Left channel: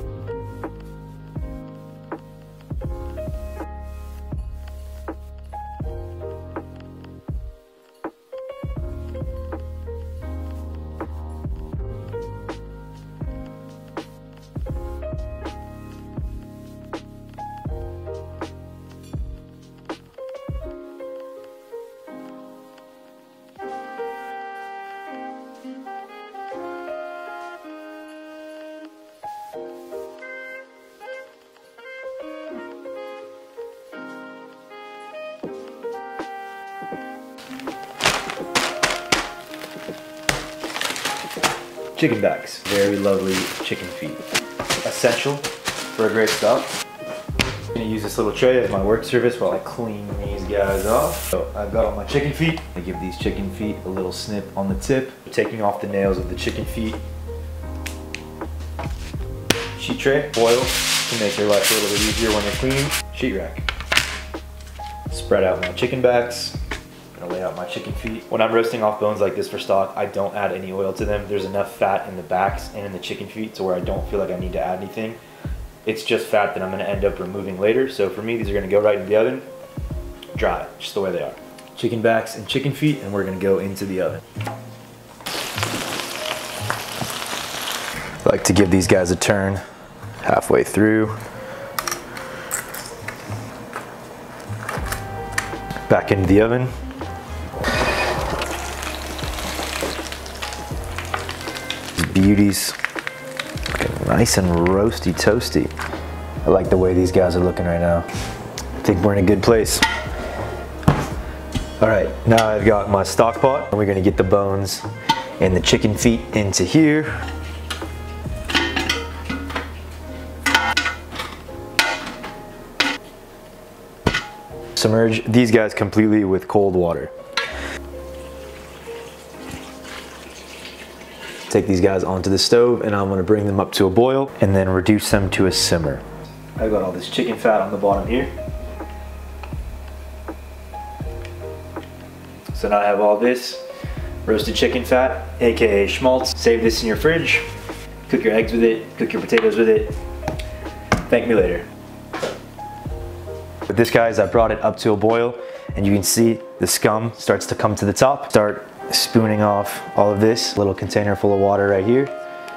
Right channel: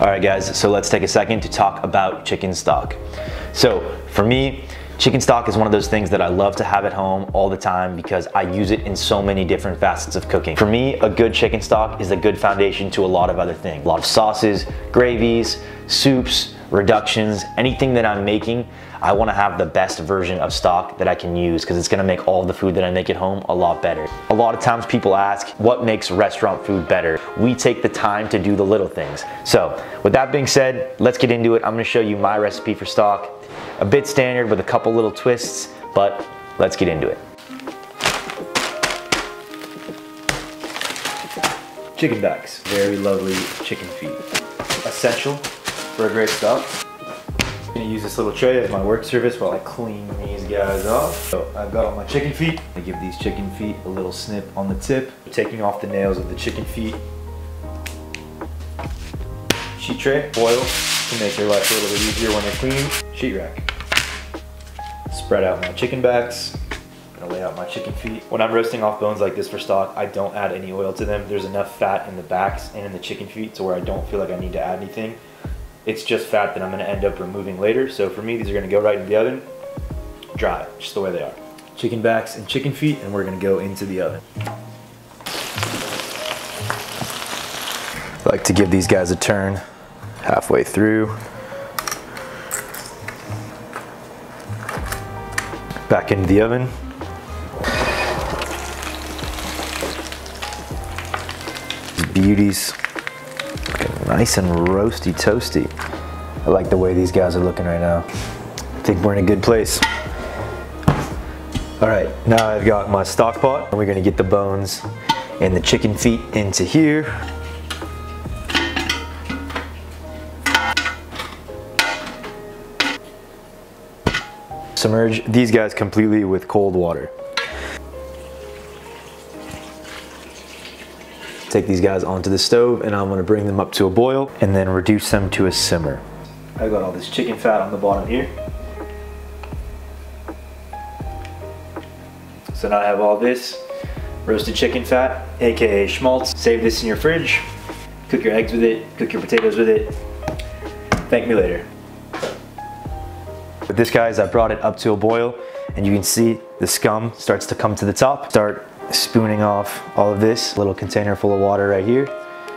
All right guys, so let's take a second to talk about chicken stock. So for me, chicken stock is one of those things that I love to have at home all the time because I use it in so many different facets of cooking. For me, a good chicken stock is a good foundation to a lot of other things. A lot of sauces, gravies, soups, reductions, anything that I'm making, I want to have the best version of stock that I can use because it's going to make all the food that I make at home a lot better. A lot of times people ask, what makes restaurant food better? We take the time to do the little things. So with that being said, let's get into it. I'm going to show you my recipe for stock. A bit standard with a couple little twists, but let's get into it. Chicken backs, very lovely chicken feet. Essential for a great stock. I'm gonna use this little tray as my work surface while I clean these guys off. So I've got all my chicken feet. I give these chicken feet a little snip on the tip, taking off the nails of the chicken feet. Sheet tray, oil to make your life a little bit easier when you're cleaning. Sheet rack. Spread out my chicken backs. I'm gonna lay out my chicken feet. When I'm roasting off bones like this for stock, I don't add any oil to them. There's enough fat in the backs and in the chicken feet to where I don't feel like I need to add anything. It's just fat that I'm gonna end up removing later. So for me, these are gonna go right in the oven, dry, just the way they are. Chicken backs and chicken feet, and we're gonna go into the oven. I like to give these guys a turn halfway through. Back into the oven. These beauties. Nice and roasty toasty. I like the way these guys are looking right now. I think we're in a good place. All right, now I've got my stock pot. And we're gonna get the bones and the chicken feet into here. Submerge these guys completely with cold water. Take these guys onto the stove and I'm gonna bring them up to a boil and then reduce them to a simmer. I've got all this chicken fat on the bottom here. So now I have all this roasted chicken fat, AKA schmaltz. Save this in your fridge, cook your eggs with it, cook your potatoes with it. Thank me later. With this guys, I brought it up to a boil and you can see the scum starts to come to the top. Start spooning off all of this. Little container full of water right here.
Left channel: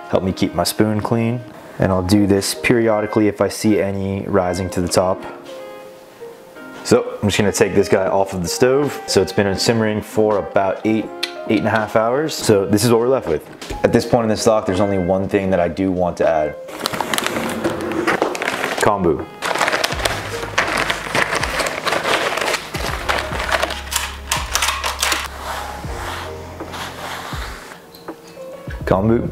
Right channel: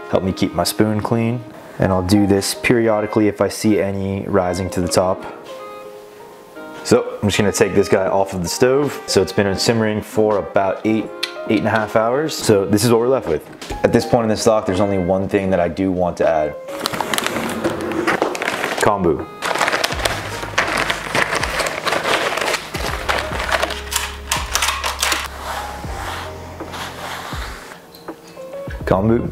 Help me keep my spoon clean. And I'll do this periodically if I see any rising to the top. So I'm just gonna take this guy off of the stove. So it's been simmering for about eight and a half hours. So this is what we're left with. At this point in the stock, there's only one thing that I do want to add. Kombu. Kombu.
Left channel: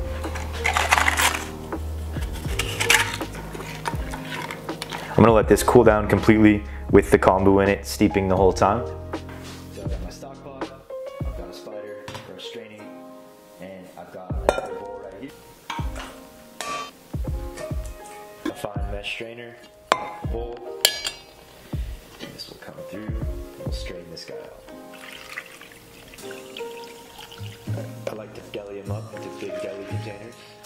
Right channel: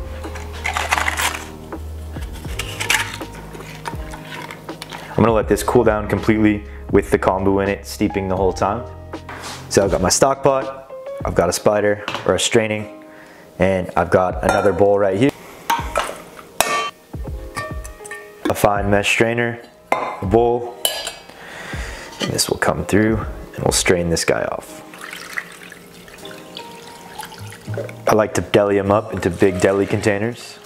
I'm gonna let this cool down completely with the kombu in it, steeping the whole time. So I've got my stock pot, I've got a spider or a straining, and I've got another bowl right here. A fine mesh strainer, a bowl, and this will come through and we'll strain this guy off. I like to deli them up into big deli containers.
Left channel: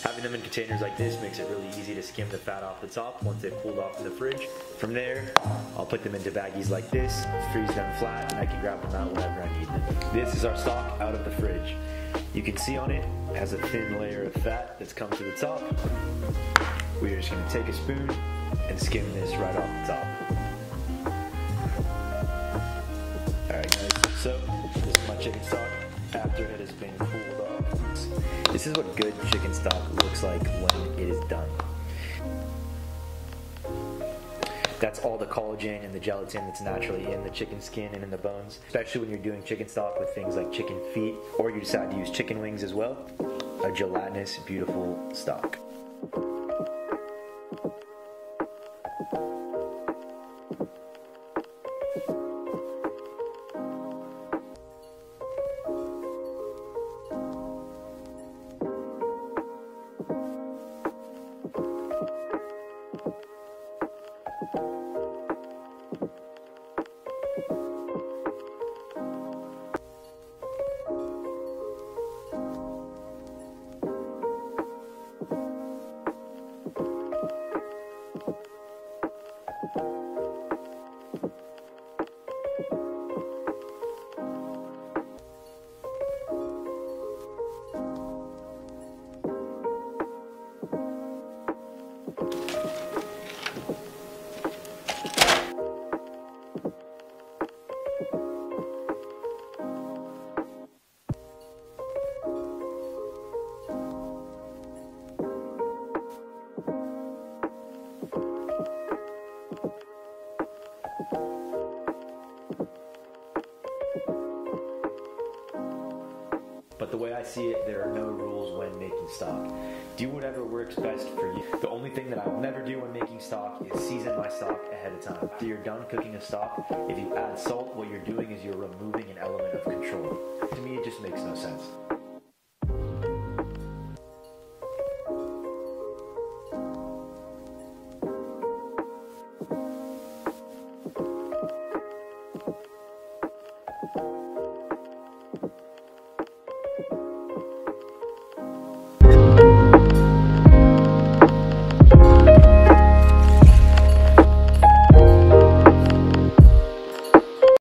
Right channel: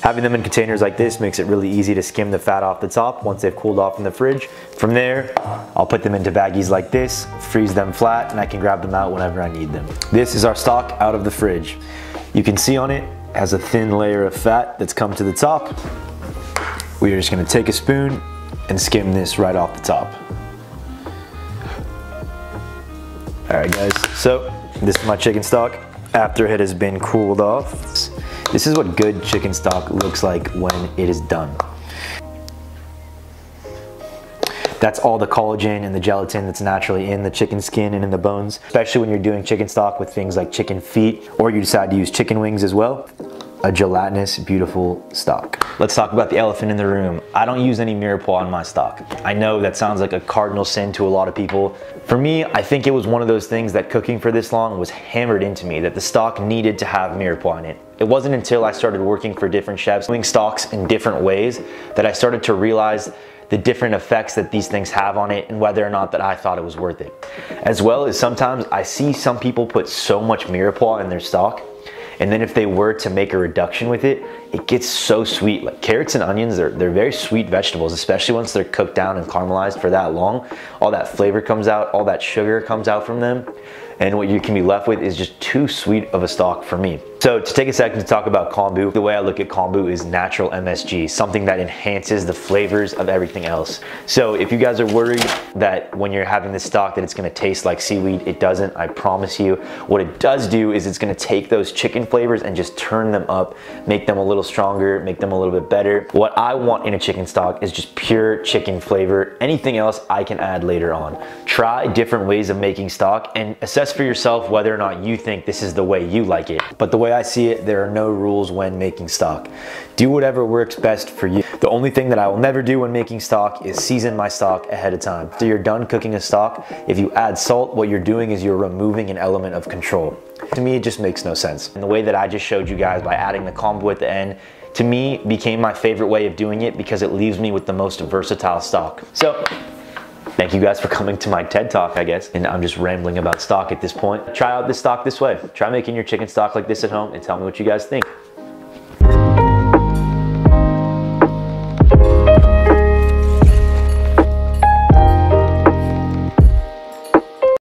Having them in containers like this makes it really easy to skim the fat off the top once they've cooled off in the fridge. From there, I'll put them into baggies like this, freeze them flat, and I can grab them out whenever I need them. This is our stock out of the fridge. You can see on it has a thin layer of fat that's come to the top. We are just gonna take a spoon and skim this right off the top. All right guys, so this is my chicken stock after it has been cooled off. This is what good chicken stock looks like when it is done. That's all the collagen and the gelatin that's naturally in the chicken skin and in the bones, especially when you're doing chicken stock with things like chicken feet, or you decide to use chicken wings as well. A gelatinous, beautiful stock. Let's talk about the elephant in the room. I don't use any Mirepoix on my stock. I know that sounds like a cardinal sin to a lot of people. For me, I think it was one of those things that cooking for this long was hammered into me that the stock needed to have Mirepoix in it. It wasn't until I started working for different chefs, doing stocks in different ways, that I started to realize the different effects that these things have on it and whether or not that I thought it was worth it. As well as sometimes I see some people put so much Mirepoix in their stock And then if they were to make a reduction with it, it gets so sweet. Like carrots and onions, they're very sweet vegetables, especially once they're cooked down and caramelized for that long. All that flavor comes out, all that sugar comes out from them. And what you can be left with is just too sweet of a stock for me. So to take a second to talk about kombu, the way I look at kombu is natural MSG, something that enhances the flavors of everything else. So if you guys are worried that when you're having this stock that it's gonna taste like seaweed, it doesn't, I promise you. What it does do is it's gonna take those chicken flavors and just turn them up, make them a little stronger, make them a little bit better. What I want in a chicken stock is just pure chicken flavor. Anything else I can add later on. Try different ways of making stock and assess for yourself whether or not you think this is the way you like it. But the way I see it, there are no rules when making stock. Do whatever works best for you. The only thing that I will never do when making stock is season my stock ahead of time. After you're done cooking a stock, if you add salt, what you're doing is you're removing an element of control. To me, it just makes no sense. And the way that I just showed you guys by adding the kombu at the end, to me, became my favorite way of doing it because it leaves me with the most versatile stock. So, thank you guys for coming to my TED Talk, I guess. And I'm just rambling about stock at this point. Try out this stock this way. Try making your chicken stock like this at home and tell me what you guys think.